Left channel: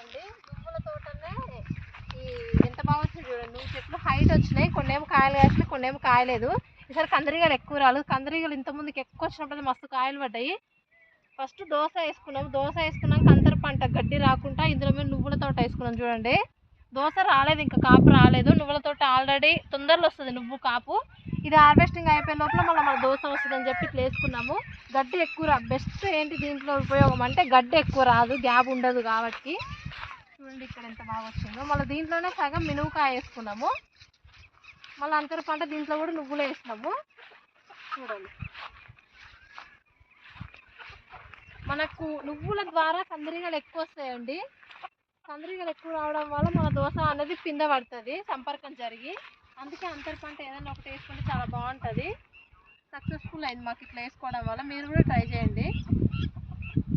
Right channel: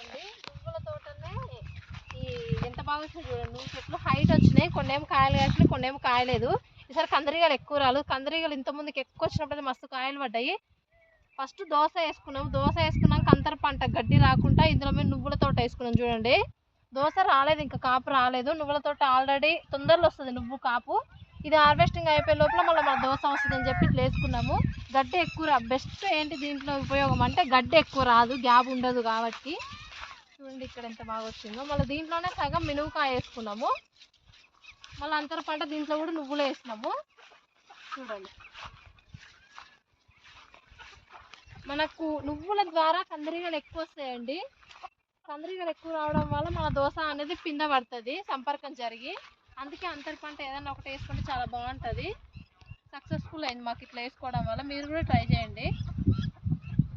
అండి నువ్వుల తోటనే ఈ ఎంత బాగా చూడండి. నువ్వు చెట్లు హైట్ వచ్చినాయి. కొన్ని ఏమో కాయలు కాసినాయి కొన్ని ఏమో కాయలేదు. ఈసారి కందిరీగలు ఎక్కువ రాలేదు. కందిరీగలు ఇంత ముందుకు ఎక్కువ వచ్చినప్పుడు మస్తు కాయలు పడ్డాయి. ఫస్ట్ దోశ వేసుకున్నాము దోశ వేసుకున్నాక అంతర పంట గడ్డి రాకుండా ఇందులో మేము నువ్వుల తోట వేసుకున్నాం చూడండి. దోశ రాలేదు ఇంకా కాపు రాలేదు. నువ్వుల తోట ఆల్రెడీ తొందరలో వస్తుంది నువ్వు కాపు. ఇది హార్వెస్టింగ్ అయిపోయే లోపల మళ్ళీ మన దోశ వస్తుంది అని చెప్పి ఇట్లా వేసుకున్నాము. గడ్డి ఎక్కువ రా. బెస్ట్ ఏంటి దీంట్లో ఉపయోగం అంటే గడ్డి ఎక్కువ రాదు. గ్యాప్ ఉండదు కాబట్టి. చూడండి ఇక్కడ ఎంత బాగా వచ్చిందో. మళ్ళీ దీంట్లోనే సగం మినువుకాయ వేసుకున్నాము. మళ్ళీ అంతర పంట దీంట్లో కూడా నువ్వులు వేసినాము. చూడండి. మనకు నువ్వుల ద్వారా కందిరీగలు ఎక్కువ వస్తాయండి. కందిరీగలు ఎక్కువ రావడం వల్ల మన దోశ అనేది పింద పడుతుంది సంపర్కం జరిగి. అందుకే అంతర పంట ఏదైనా ఒకటి వేసుకుంటే చాలా బాగుంటుంది. సక్సెస్ఫుల్ అయింది మాకు ఇట్లా వేసుకోవడం వల్ల. మీరు కూడా ట్రై చేయండి.